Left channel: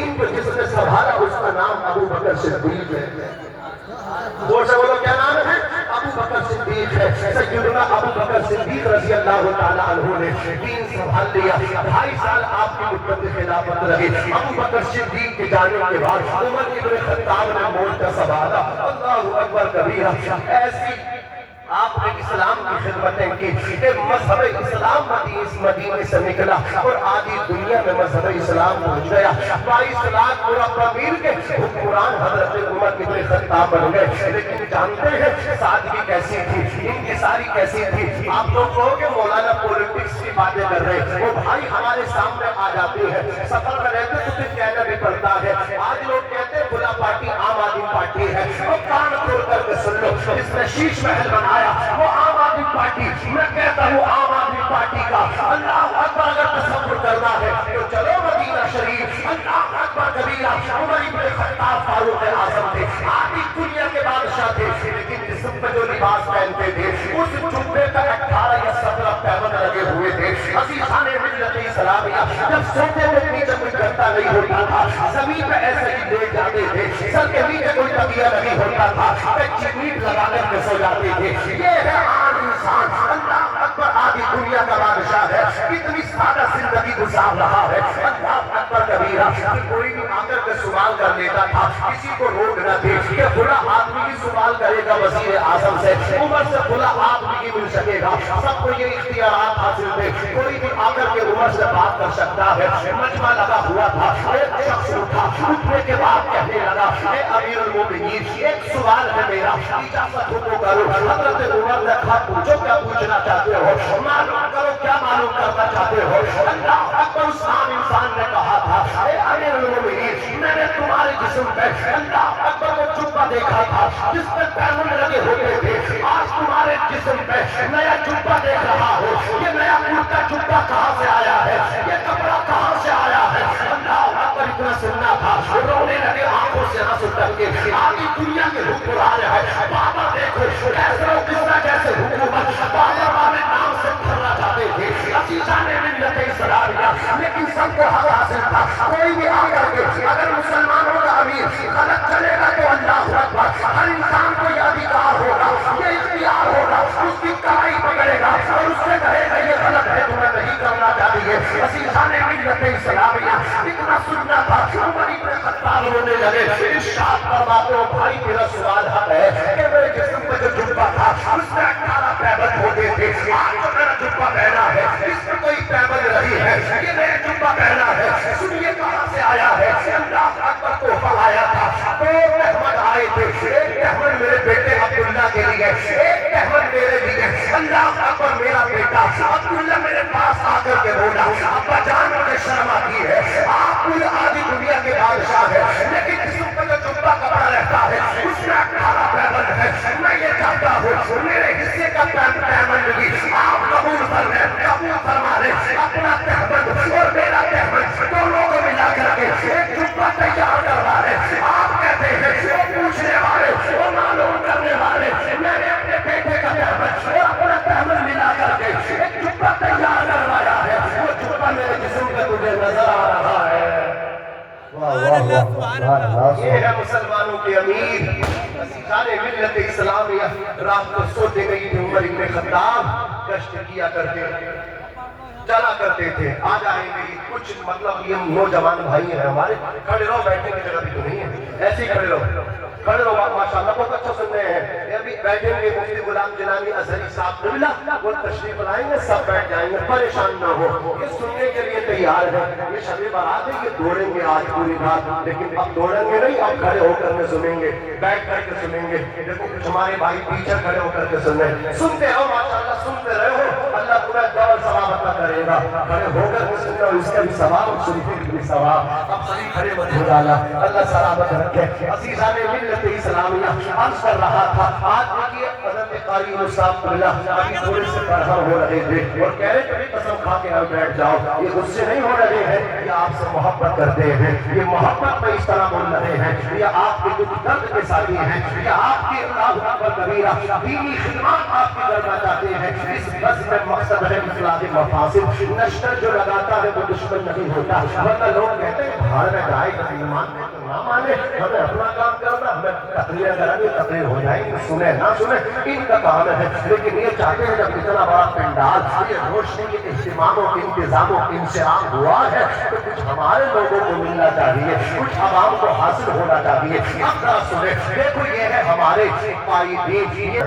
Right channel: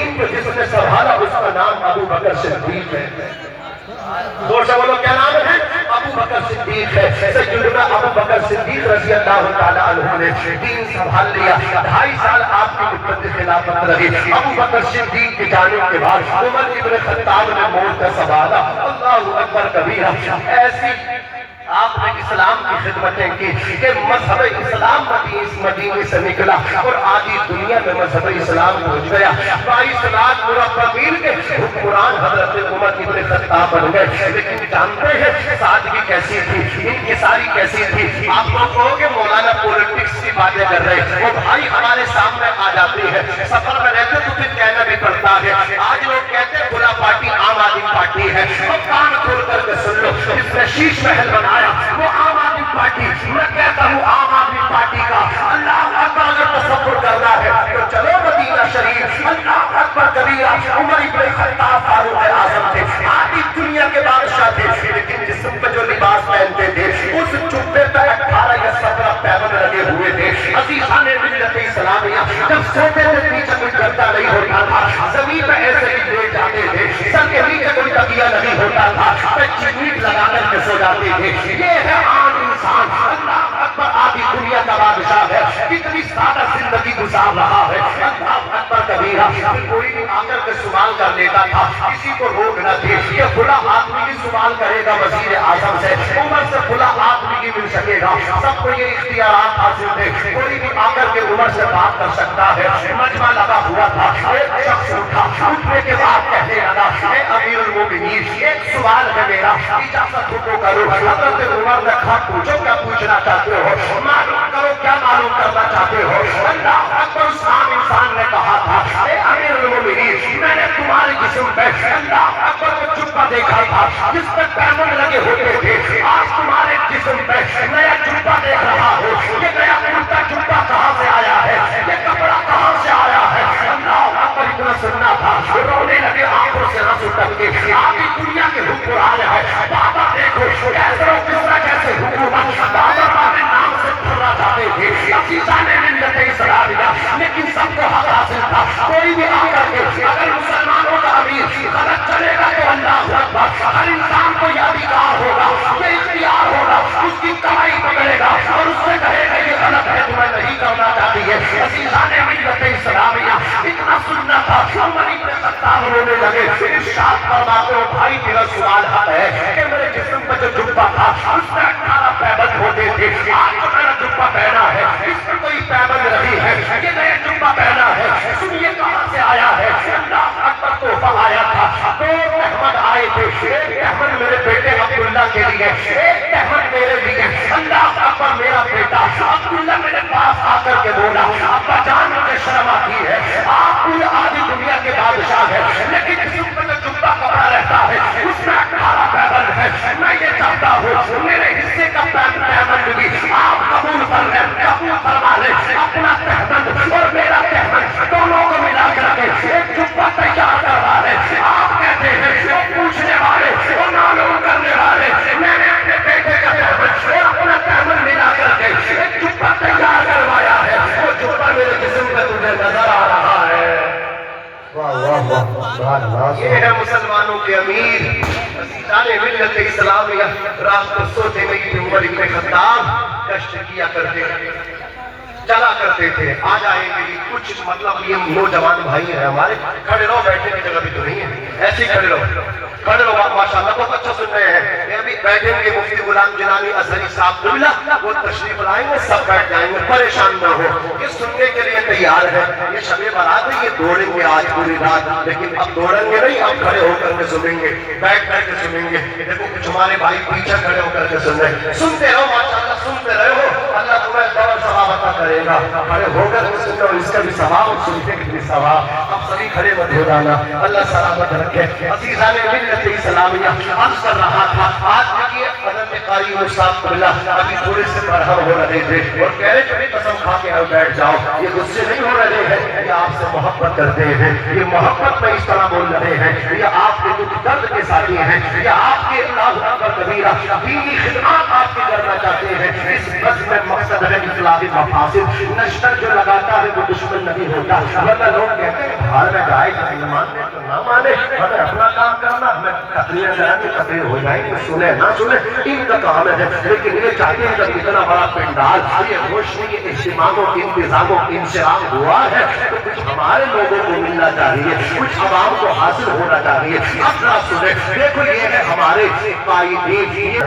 دین کو جس نے سنبھالا اس کا نام ابو بکر صدیق ہے. زور سے بولو کیا نام ہے؟ ابو بکر صدیق ہے. سیدنا ابو بکر صدیق رضی اللہ تعالیٰ عنہ نے دین سنبھال لیا. 2.5 سال آپ کی مدت خلافت رہی. ابو بکر صدیق کی جانب کے بعد عمر ابن خطاب نے موت کا سنبھالا. اللہ اکبر کبیرہ. ایسی آپ نے اسلام کی خدمتیں کی کہ مذہب اسلام مدینے سے نکلا اور آدھی دنیا میں مذہب اسلام پہنچ گیا. 22 لاکھ مربع میل کے حکمران حضرت عمر ابن خطاب بن گئے. لیکن جانتے ہیں سادگی کیسی تھی, انکساری کیسی تھی. آپ لوگ کہو کہ مولانا پولیٹکس کی باتیں کر رہے ہیں, وہ بھائی ہمارے سامنے آ جاتی ہے. سفر میں رہتے تو پھر کہنا بھی پڑتا ہے. آج لوگ کہتے ہیں کھلا پارٹی عام آدمی پارٹی ہے. وہ کان کھول کر کے سن لو, جس نے شیش محل بنایا وہ عام آدمی پارٹی. میں کہتا ہوں عام آدمی پارٹی کا اللہ اکبر اگر تصور کرنا ہے تو چلو مدینہ شریف. اللہ اکبر کبیرہ. عمر ابن خطاب فاروق اعظم تھے, آدھی دنیا کے بادشاہ تھے, لیکن جسم پہ جو لباس پہنتے تھے اس جبے پہ 18 یا 17 پیبند لگے ہوئے تھے. عزیزان ملت اسلامیہ, جب سوتے تھے پیچھے کوئی گدا نہیں ہوتا تھا, زمین پہ ایسے ہی لیٹ جاتے تھے, سر کے نیچے کوئی تکیہ نہیں ہوتا تھا, کچی میٹ لگا کر کے سو جاتے تھے. یہ ہے عام انسان. اللہ اکبر آدھی دنیا کا بادشاہ ہے, کتنی سادہ زندگی گزار رہا ہے. اللہ اکبر کبیرہ. کوئی بھی آ کر کے سوال کر لیتا تھا, کسی کو روک نہ تھی کہ کھلا آدمی بھی سوال کرے گا وزیر اعظم سے, عمر سے کھلا آدمی بھی مل سکے گا. سب کو یہ اختیارات حاصل تھے, کوئی بھی آ کر کے عمر سے بات کر سکتا ہے. مجمع لگا ہوا تھا, ایک شخص اٹھا, اٹھنے کے بعد کہنے لگا اے امیر المومنین ایک سوال ہے میرا, اجازت کو کرو. حضرت عمر نے کہا پوچھو کیا پوچھنا چاہتے ہو, معلوم کرو کیا معلوم کرنا چاہتے ہو. اللہ اکبر. اس عام انسان نے کہا تھا اے امیر المومنین میں نے تمہارے جسم پہ اللہ اکبر کو جبہ دیکھا تھا جس پہ پیمند لگے ہوتے تھے, آج تمہارے جسم پہ نیا جبہ دیکھ رہا ہوں. یہ نیا کرتا جبہ کہاں سے آیا ہے, یہ کپڑا کہاں سے آیا ہے. اللہ اکبر. اتنا سننا تھا, رونے لگے, آنکھوں سے آنسو ٹپکے. آدھی دنیا کے حکمران ہے, بابا دیکھو کیسے کیسے حکومت بابا والے نام سے پھرنا چاہتے تھے. عزیزان ملت اسلامیہ, لیکن سب کو حق حاصل تھا. کوئی بھی آ کر کے اگر مسلمانوں کا امیر غلط چلے گا تو اللہ اکبر, ہر انسان کو یہ ادھیکار ہوگا, یہ اختیار ہوگا, اس کی کمائی پکڑے گا اور اس سے کہے گا یہ غلط ہے, تمہیں نہیں کرنا چاہتی ہے. عزیزان ملت اسلامیہ, اتنا سننا تھا. عمر ابن خطاب رونے لگے. ارشاد فرماتے ہو بھائی میرا سوال ہے کہ میرے جسم پہ جو جبہ تھا اس میں 18 پیبند ہوتے تھے, آج جو میرا جبہ پہنا ہے اس میں کوئی پیبند نہیں ہے, یہ نیا جبہ پہنا ہے. سنیے کہاں سے آیا ہے. اللہ اکبر. تحفہ آیا تھا, 2 مہمان آئے تھے, ایک مہمان میرے بیٹے عبداللہ کے لیے, ایک مہمان میرے لیے. اللہ اکبر. میرا بیٹا عبداللہ میرے پاس آ کر کے بولا ابا جان مجھے شرم آتی ہے, آپ پوری آدھی دنیا کے بادشاہ ہے, لیکن جسم پہ جو جبہ کپڑا رہتا ہے اس میں 18 پیبند ہے. میں یہ چاہتا ہوں میرے حصے کا پیبند بھی آپ قبول کر لیں, قبول فرما لیں. اپنا پیبند اور میرا پیبند دونوں کو ملا کر کے ایک جبہ تیار کروا لیں. آپ کہتے ہیں وہ پوچھنے والے, وہ معلوم کرنے والے, میں نے اپنے بیٹے کا پیبند اور اپنا پیبند ملا کر کے ایک جبہ تیار کروایا ہے. وہ جبہ میرے جسم پہ تجھے نظر آ رہا ہے. یہ ہے مسلمانوں کے امیر. عزیزان ملت اسلامیہ, رات کو سوتے نہیں تھے. عمر ابن خطاب گشت کیا کرتے چلا کرتے تھے. آ جائیں گے کچھ مطلب یہ نوجوان بھائی ہیں ہمارے, کھڑے رہو, بیٹھنے کی جگہ بھی تو نہیں ہے, ایسے ہی کھڑے رہو, کھڑے رہو. ماشاءاللہ بہت اچھا سن رہے ہیں. یہ ابھی بیٹھیں گے مفتی غلام جنانی ازہری صاحب قبلہ, وہ تشریف لائیں گے, سب بیٹھ جائیں گے, پریشان نہ ہو. یہ سننے کے لیے تیار ہے. یہ شب برات ہے, یہ دوڑیں گے آج پوری رات, لیکن اب دوڑیں گے نہیں, اب کھڑے ہو کر کے سنیں گے, بیٹھ کر کے سنیں گے. دیکھو کچھ ہمارے بھائی پیچھے کھڑے ہو کر کے سن رہے ہیں. سنتے رہو ماشاءاللہ, سنتے رہو, اللہ تمہیں ڈبل ثواب عطا کرے گا. کھڑے ہو کر کے سنو, اس کا بھی ثواب, سننے کا بھی ثواب. اب سبھی کھڑے مت ہو جانا, اللہ سلامت رکھے. عزیزان ملت اسلامیہ, عرض کر رہا تھا آج یہ حضرت قاری صاحب اللہ ابھی تھوڑے سے برہم ہو رہے تھے اور کہہ رہے تھے قسم کھا کے نہ بیٹھ جاؤ، یہ غصے نہیں ہو رہے ہیں، یہ آپ سے محبت کرتے ہیں، یہ محبت میں اس طرح بول رہے ہیں، یہ آپ کے دکھ درد کے ساتھی ہیں، یہ آپ کے اللہ اکبر کبیرہ دینی خدمات آپ کی کرنا چاہتے ہیں۔ اس بس میں مقصد ہے اصلاح مفاسد، نشتر جو لگاتا ہے وہ دشمن نہیں ہوتا، ورنہ لوگ کہتے ہیں باہر میں گائے کہ نہیں مانتے تو نہ مانے، ہمیں اپنا کام کرنا، میں تقریر کرانی تقریر ہو جائیں گے، سنیں نہ سنیں ان کا کام ہے، لیکن یہ چاہتے ہیں کہ اتنا بڑا پنڈال یہ روشنی کے اجتماع و انتظام و انشراح ہوا ہے تو کچھ ہمارے لوگوں کو ملنا چاہیے، کچھ عوام کو حاصل ہونا چاہیے۔ اب ذرا سنیں، دیکھو یہ ہے ہمارے قائدین،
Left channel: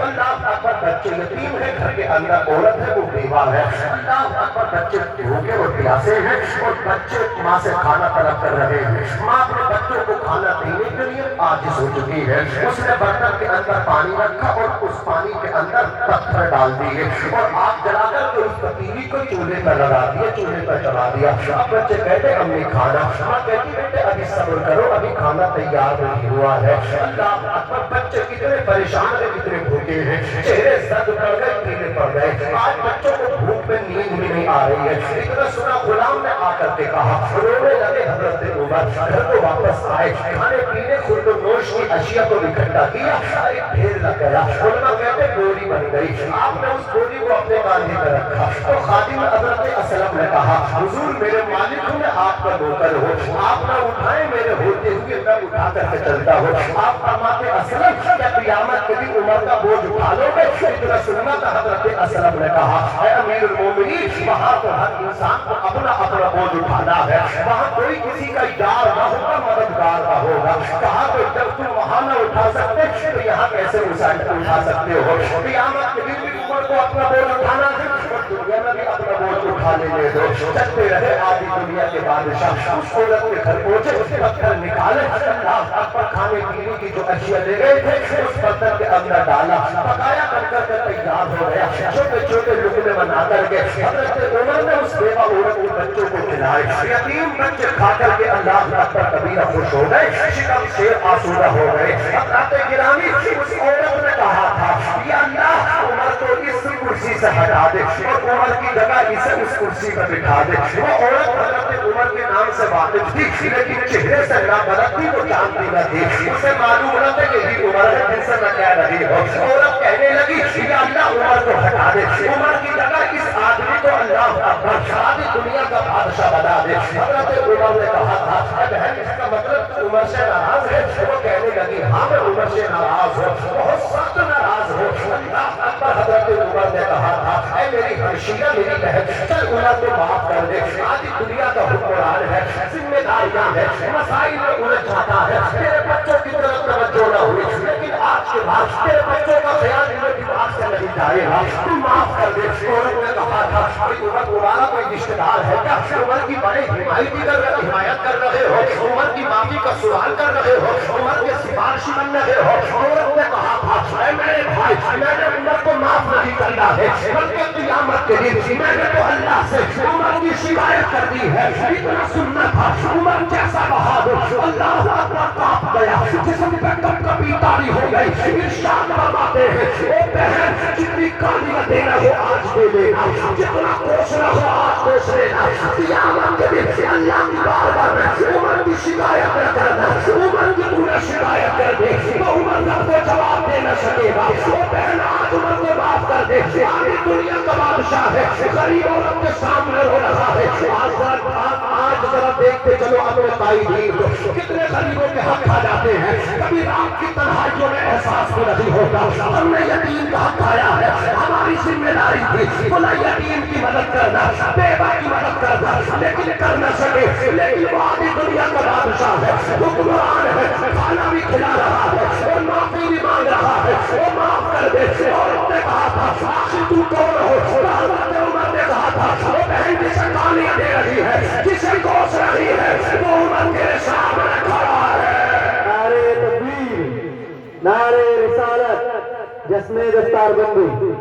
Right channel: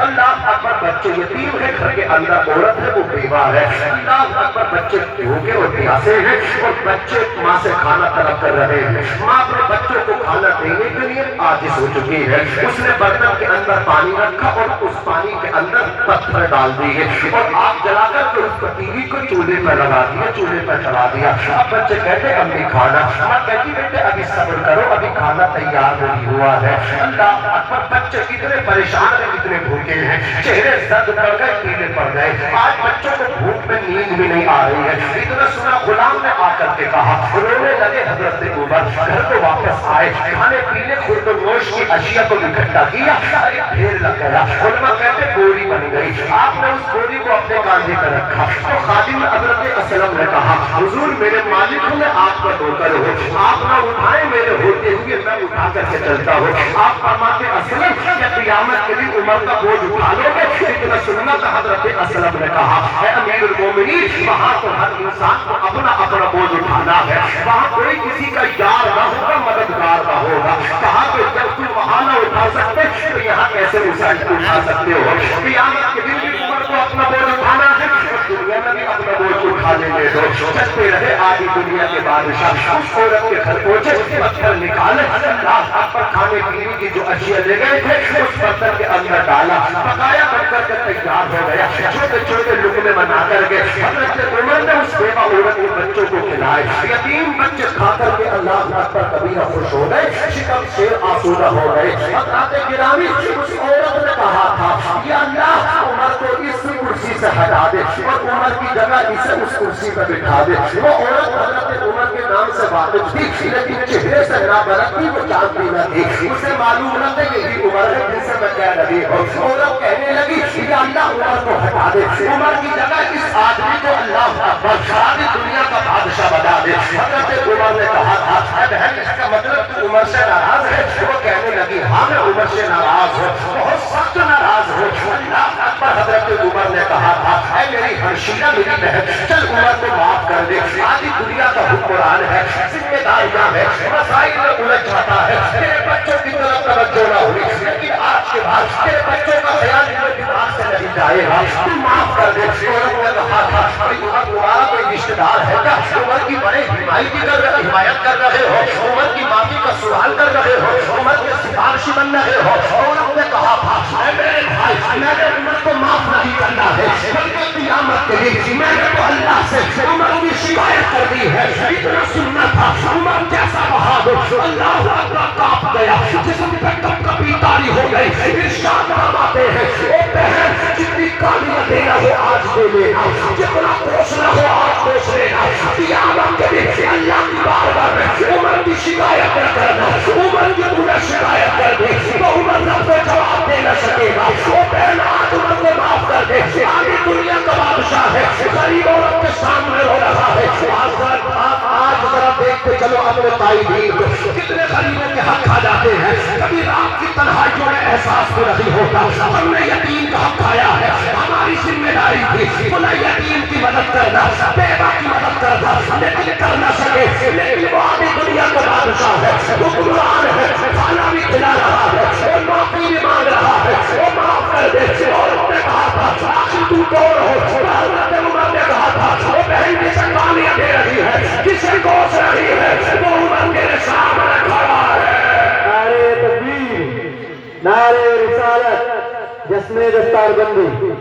اللہ اکبر بچے یتیم ہے، گھر کے اندر عورت ہے وہ بیوہ ہے، اللہ اکبر بچے بھوکے اور پیاسے ہیں اور بچے ماں سے کھانا طلب کر رہے ہیں، ماں اپنے بچوں کو کھانا دینے کے لیے عاجز ہو چکی ہے، اس نے برتن کے اندر پانی رکھا اور اس پانی کے اندر پتھر ڈال دیے اور آگ جلا کر کے اس پتیلی کو چولہے پر لگا دیا، چولہے پر چلا دیا۔ اب بچے کہتے ہیں امی کھانا، ماں کہتی بیٹے ابھی صبر کرو، ابھی کھانا تیار نہیں ہوا ہے۔ اللہ اکبر بچے کتنے پریشان ہیں، کتنے بھوکے ہیں، چہرے زرد پڑ گئے، پیلے پڑ گئے، آج بچوں کو بھوک میں نیند بھی نہیں آ رہی ہے۔ اتنا سنا غلام نے آ کر کے کہا، رونے لگے حضرت عمر، گھر کو واپس آئے، کھانے پینے خورد و نوش کی اشیاء کو اکٹھا کیا، ایک ڈھیر لگ گیا، علماء کہتے گولی بن گئی، آپ نے اس گولی کو اپنے کاندھے پر رکھا تو خادم حضرت اسلم نے کہا حضور میرے مالک ہوں، میں آپ کا نوکر ہوں، آپ نہ اٹھائیں میرے ہوتے ہوئے میں اٹھا کر کے چلتا ہوں۔ آپ فرماتے اسلم کہ قیامت کے دن عمر کا بوجھ اٹھا لو گے؟ اتنا سننا تو حضرت اسلم نے کہا اے امیر المومنین، وہاں تو ہر انسان کو اپنا اپنا بوجھ اٹھانا ہے، وہاں کوئی کسی کا یار نہ ہوگا، مددگار نہ ہوگا۔ کہا تو جب تم وہاں نہ اٹھا سکتے تو یہاں کیسے اٹھا سکتے ہو؟ قیامت کے دن بھی عمر کو اپنا بوجھ اٹھانا ہے، دنیا میں بھی اپنا بوجھ اٹھانے لے دو۔ چلتے رہے آدھی دنیا کے بادشاہ، اس عورت کے گھر پہنچے، پتھر نکالے، اللہ اکبر کھانے پینے کی جو اشیاء لے گئے تھے اس پتھر کے اندر ڈالا، پکایا بن کر کے تیار ہو گیا، چھوٹے چھوٹے لقمے بنا کر کے حضرت عمر نے اس بیوہ عورت کے بچوں کو کھلائے، یتیم بچے کھا کر کے اللہ اکبر کبیرہ خوش ہو گئے، شکم سے آسودہ ہو گئے۔ حضرت گرامی اس عورت نے کہا تھا یا اللہ عمر کو اس کرسی سے ہٹا دے اور عمر کی جگہ اسے اس کرسی پر بٹھا دے۔ وہ عورت حضرت عمر کے نام سے واقف تھی لیکن چہرے سے نہ برت تھی، وہ جانتی نہ تھی، اسے معلوم نہ تھا یہی عمر ہے جن سے میں کہہ رہی ہوں۔ عورت کہنے لگی یا اللہ عمر کو ہٹا دے، عمر کی جگہ اس آدمی کو اللہ اکبر ساری دنیا کا بادشاہ بنا دے۔ حضرت عمر نے کہا تھا اے بہن اس کا مطلب تو عمر سے ناراض ہے؟ وہ کہنے لگی ہاں میں عمر سے ناراض ہوں، بہت سخت ناراض ہوں۔ اللہ اکبر حضرت عمر نے کہا تھا اے میری ہمشیرہ میری بہن چل عمر کو معاف کر دے، آدھی دنیا کا حکمران ہے، ذمہ داریاں ہے، مسائل میں الجھ جاتا ہے، تیرے بچوں کی طرف توجہ نہ ہوئی لیکن آج کے بعد تیرے بچوں کا خیال میرے دماغ سے نہیں جائے گا، تو معاف کر دے۔ عمر نے کہا تھا ابھی عمر تمہارا کوئی رشتہ دار ہے کیا؟ عمر کی بڑے حمایت کر رہے ہو، عمر کی معافی کا سوال کر رہے ہو، عمر کے سفارشی بن رہے ہو۔ عمر نے کہا تھا اے میرے بھائی میں نے عمر کو معاف نہیں کرنا ہے بلکہ قیامت کے دن میں نے تو اللہ سے عمر کی شکایت کر دی ہے۔ اتنا سننا تھا عمر جیسا بہادر اللہ اکبر کانپ گیا، جسم پہ کپ کپی تاری ہو گئی، ارشاد فرماتے ہیں اے بہن جتنی گالیاں دینا ہو آج دے لینا، جتنا کوسنا ہو آج کوس لینا، قیامت کے دن اللہ کی بارگاہ میں عمر کی شکایت نہ کرنا، عمر کی تمہیں شکایت کر دے تو عمر نہ کو جواب دے نہ سکے گا۔ وہ بہن آج عمر کو معاف کر دے، آدھی دنیا کا بادشاہ ہے، غریب عورت کے سامنے ہو رہا ہے۔ آج ذرا دیکھتے چلو اپنے قائدین کو کتنے غریبوں کے حق کھا جاتے ہیں، کبھی رات کی تنہائیوں میں احساس بھی نہیں ہوتا۔ ہم نے یتیم کا حق کھایا ہے، ہماری ذمہ داری تھی بلا یتیم کی مدد کرنا، بیوہ کی مدد کرنا، لیکن کر نہ سکے۔ لیکن وہ آدھی دنیا کا بادشاہ ہے، حکمران ہے، کھانا بھی کھلا رہا ہے، وہ نوکری بھی مانگ رہا ہے، وہ معاف کر دے۔ عورت نے کہا تھا آخر تو کون ہو؟ حضرت عمر نے کہا تھا وہ بہن جسے گالیاں دے رہی ہے، جسے کوس رہی ہے، وہ عمر میرے سامنے کھڑا ہے۔ نعرے تکبیر، نعرے رسالت، جسم دستار بندی۔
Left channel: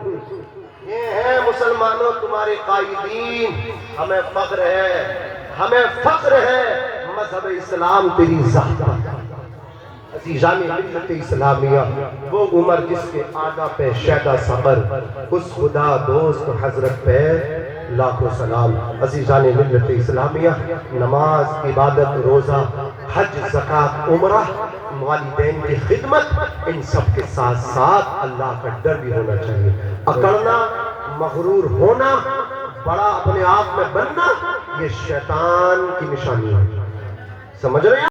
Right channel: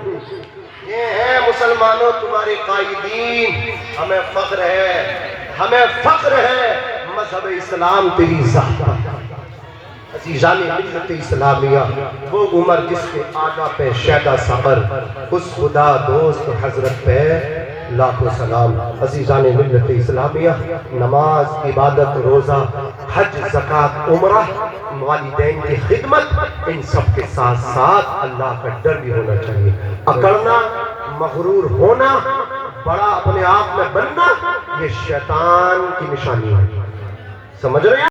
یہ ہے مسلمانوں تمہارے قائدین، ہمیں فخر ہے، ہمیں فخر ہے مذہب اسلام تیری ذات پر۔ عزیزان ملت اسلامیہ، وہ عمر جس کے آنا پہ شیدا صبر، اس خدا دوست حضرت پہ لاکھوں سلام۔ عزیزان ملت اسلامیہ، نماز، عبادت، روزہ، حج، زکوٰۃ، عمرہ، والدین کی خدمت، ان سب کے ساتھ ساتھ اللہ کا ڈر بھی ہونا چاہیے۔ اکڑنا، مغرور ہونا، بڑا اپنے آپ میں بننا، یہ شیطان کی نشانی ہے۔ سمجھ رہے ہیں؟